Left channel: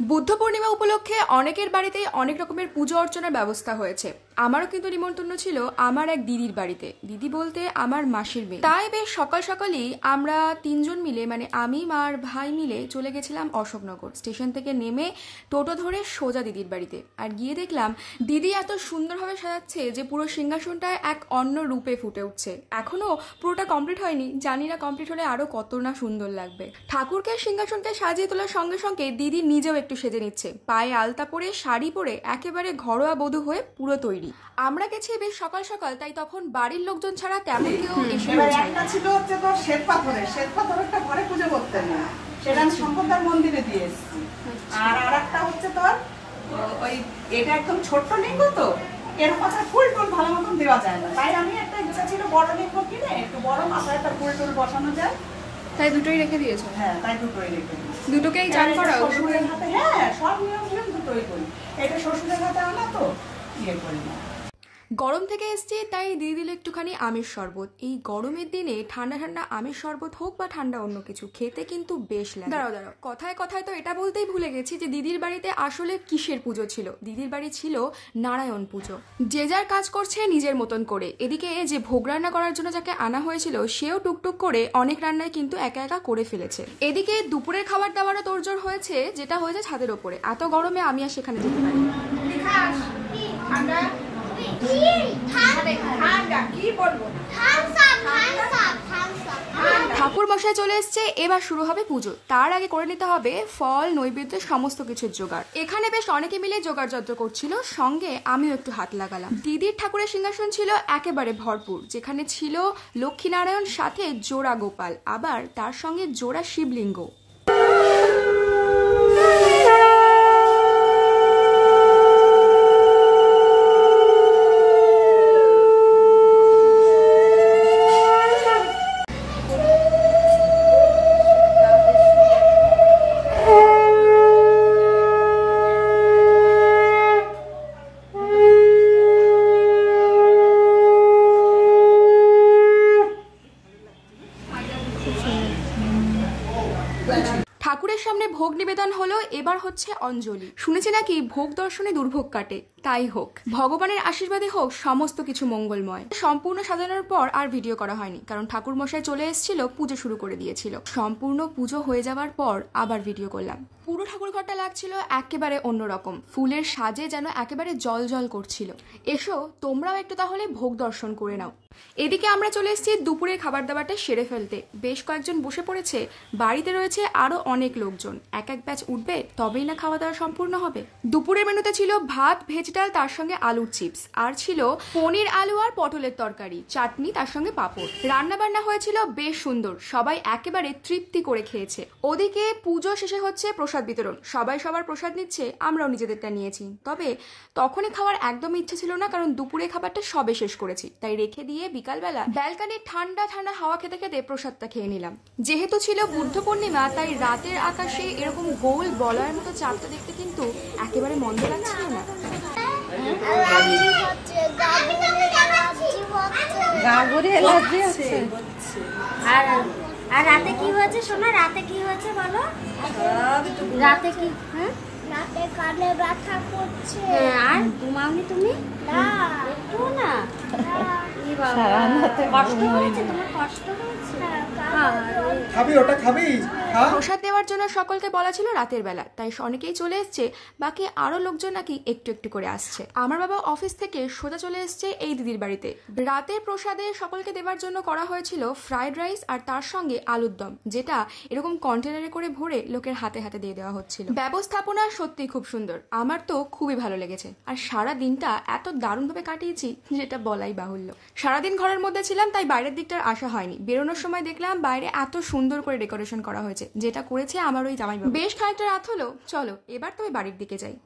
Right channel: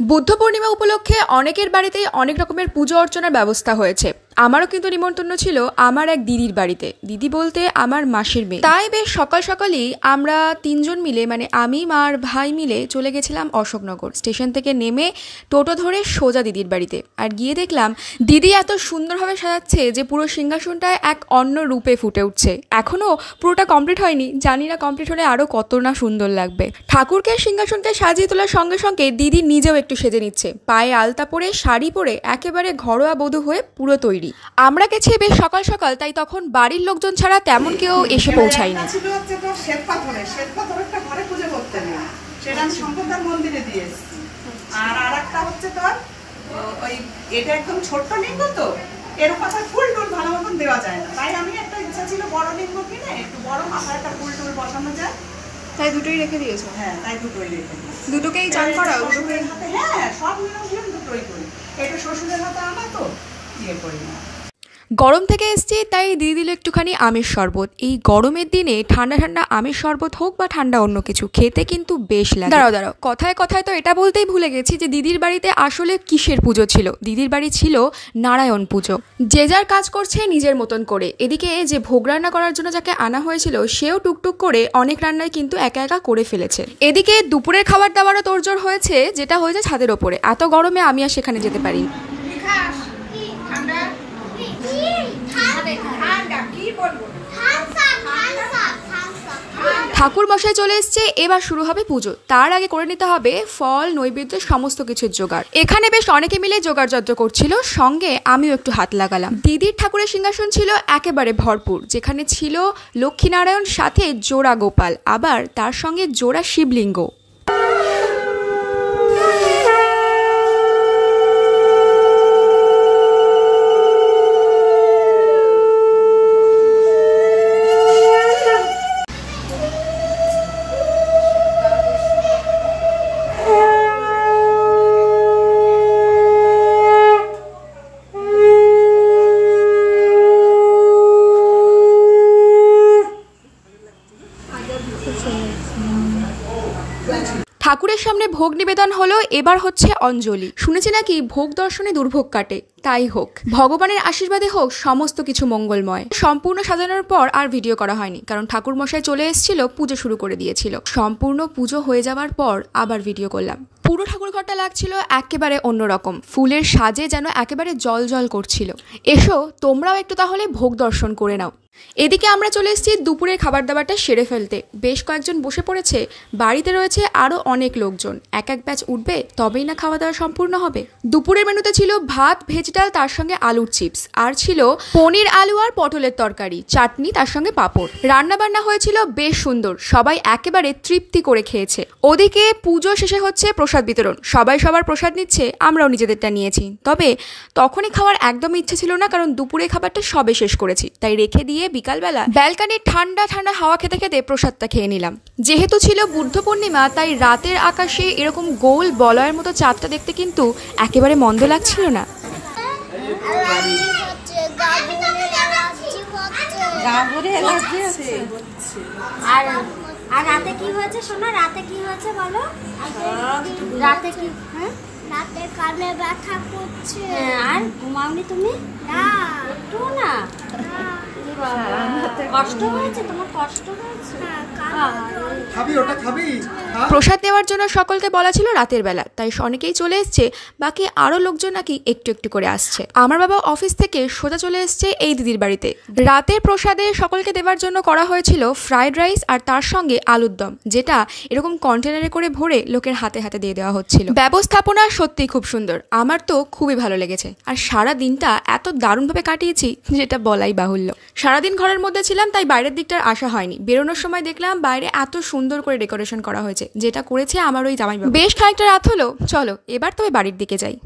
বুদ্ধ পূর্ণিমা উপলক্ষে অনেকের বাড়িতেই অনেক রকমের পুজো অর্চনার ব্যবস্থা হয়েছে। আমারও কিন্তু নিমন্ত্রণ ছিল আমার এক দিদির বাড়িতে। দিদি বলতে আমার মাসির মেয়ে। তাই বেশ সকাল সকালই আমরা তিনজন মিলে, মানে আমি, মা আর ভাই মিলে চলে গেছিলাম অশোকনগর। স্টেশন থেকে নেমে টোটো ধরে সোজা দিদির বাড়িতে। আর গিয়ে দেখলাম দিদি এত সুন্দরভাবে সাজাচ্ছে যে পুরো সিংহাসনটায় এক অন্য রূপে ফুটে উঠছে। এখনও পুরোটা কমপ্লিট হয়নি, জানি না কমপ্লিট হলে আরও কত না সুন্দর লাগবে। ঠাকুরকে সিংহাসনকে সাজিয়ে তোলার সঙ্গে সঙ্গে দিদি নিজেও একটু সেজে নিচ্ছে। পায়ে আলতা পরে, শাড়ি পরে একেবারে ঘরোয়া বধূ হয়ে পুরো তৈরি। আমরা গেছি বেশ সকাল সকাল, তাই তখন বাড়ির লোকজন ছাড়া তেমন কেউ এসে পৌঁছায়নি। মন্দিরে দিয়ে এসেছি। আর আরেকটা হচ্ছে তোর ওই এটা একদম ছোট্ট লিঙ্গ, তো এর কথা ফুল টুল ভালো মতন দেওয়া যায় না, তাই আমি একটা ইচ্ছা ছিল বড় লিঙ্গ কিনে একটু বড় মাথায় একটা ফুল টুল বসানো যায়, তাই দুটোই রেখে দিয়েছো? হ্যাঁ, তাই দুটোই রেখে দিয়েছি। দুটোকেই চান করাও? শ্বশুরের হাতে, হ্যাঁ, সব নিয়ম দুটোই করি। এটা শ্বশুরের হাতে আমার তো ইয়ে করি না। গরম থেকে এসছি, তাই দিয়ে দিল একটুখানি আমের শরবত। এই গরমের দিনে ঠান্ডা ঠান্ডা আমের শরবত হোক বা ঠান্ডা অন্য কিছু, খেতে কিন্তু বেশ লাগে। দাঁড়াও, কথায় কথায় তো এটা বলতেই ভুলে গেছি যে দিদির বাড়িতে আসলে কিসের পুজো ছিল। দিদির বাড়ি ছিল নারায়ণ পুজো। যে যার কাজ করছে নিজের মতন করে। এদিকে যে ভোগ রান্না করার জন্য যাকে আনা হয়েছিল সেও টুকটুক করে অনেক রান্নায় কিন্তু একা একা করে ফেলেছে। এদিকে দুপুরের খাবার দাবারও তোড়জোড় হয়েছে, যেটা হয়েছে ছাদের ওপরে। এত গরমে আমি আর সেখানে যেতে পারি। ঠাকুর মশাই চলে এসছে, এবার শুরু হবে পুজো। তার আগে করে নিতে হবে ফল, নৈবেদ্য, সমস্ত কিছুর জোগাড়। এখানে বেশ অনেকে মিলে জোগাড় যন্ত্র করছিল, সঙ্গে আমিও একটু হাত লাগালাম। দিদির ঠাকুরের সিংহাসন ছিল একেবারে ভরপুর, যেখানে ছিল লক্ষ্মীনারায়ণ, সাথে জোড়া গোপাল, আবার তার সঙ্গে জোড়া শিবলিঙ্গ। ঠাকুরের সামনে ভোগ নিবেদন হলো, এবার হচ্ছে অঞ্জলি। শুনেছি নাকি ভোগ দর্শনে দুর্ভোগ কাটে, তাই হোক, ভগবানের আশীর্বাদে হোক সমস্ত কিছু মঙ্গলময়। সম্পূর্ণ সাজানোর পর আর ভিডিও করা হয়নি, কারণ ঠাকুর মশাই চলে এসেছিল, পুজো শুরু করে দিয়েছিল। সম্পূর্ণ পুজো হয়ে যাওয়ার পর আবার ভিডিও করলাম। পুরো ঠাকুর ঘরটা লাগছিল একেবারে অন্যরকম, ফুলের সাজে যেন একেবারে জল জল করছিল। এসো তোমরাও একটু তাহলে ভোগ দর্শন করে নাও। এদিকে আমরা চলে এসেছি দুপুরের খাবার দাবারটা সেরে ফেলতে। বেশ কয়েকজন বসে পড়েছে, বাড়িতে রয়েছে আরও অনেক লোকজন। এক এক ব্যাচ উঠবে, তবেই না খাওয়া দাওয়া সম্পূর্ণ হবে। দুপুরের মেনুতে ছিল ভাত, ভেজ ডাল, তার সঙ্গে আলুর চিপস, আর ছিল পনির, আলু আর পটলের তরকারি, চাটনি, তার সঙ্গে পাঁপড়। রান্না বান্না হয়েছিল বেশ সুন্দর, সবাই একেবারে তৃপ্তি করে খেয়েছে। ওদিকে পুজো শেষে হচ্ছে প্রসাদ বিতরণ। সবাই সবার প্রসাদ নিচ্ছে, আমরাও নিজেদেরটা নিয়েছি। তবে তখনই খাওয়ার একদম ইচ্ছে ছিল না, কারণ দুপুরে খাবারটা সবে শেষ করেছি, তাই রেখে দিয়ে বিকালবেলা ব্যালকানির ঠান্ডা ঠান্ডা হাওয়া খেতে খেতে প্রসাদটা খেয়ে নিলাম। যেহেতু ছিল বুদ্ধ পূর্ণিমা, তাই রাতের আকাশে এরকম গোল বলয়ের মতো চাঁদটা দেখতে কিন্তু একেবারে মন্দ লাগছিল না। আর রাতে কি হয়েছে শোনো? রাতে কি হয়েছে বলো? রাতে কি? হ্যাঁ, রাতে কানে ব্যথা করছে। আর ঘুমাওনি তুমি? না, একটু না। কষ্ট হয়েছে তোমার? কষ্ট হয়েছে? প্রসাদ দেওয়ার জন্য সকলকে বলা ছিল রাতের বেলা, তাই অনেকেই চলে এসছে। বাকি আরো লোকজন নাকি একটু একটু করে আসছে। আমার বাবা অফিস থেকে সোজা চলে এসছে এই দিদির বাড়িতে। রাতের প্রসাদে সকলকে দেওয়ার জন্য করা হয়েছিল ফ্রাইড রাইস আর তার সঙ্গে আলুর দম, যেটা এরকম কন্টেনারে করে ভরে লোকের হাতে হাতে দিয়ে দেওয়া হচ্ছিল। ব্যবস্থাপনা সত্যিই খুব সুন্দর, আমার তো খুবই ভালো লেগেছে। আর সারা দিনটা এত দারুণভাবে কাটিয়েছি যেটা বলাই বাহুল্য। সারাদিন ঘরের মধ্যে ছিলাম, তাই বাইরের দিকটার আসা হয়নি। বেরোনোর সময় দেখলাম বাইরে এত সুন্দর করে ডেকোরেশন করা হয়েছে, যেটা করেছে আমার ওই জামাইবাবু। বেশ খানিকটা রাত হলো, চলো এবার তবে বাড়ির দিকে যাই।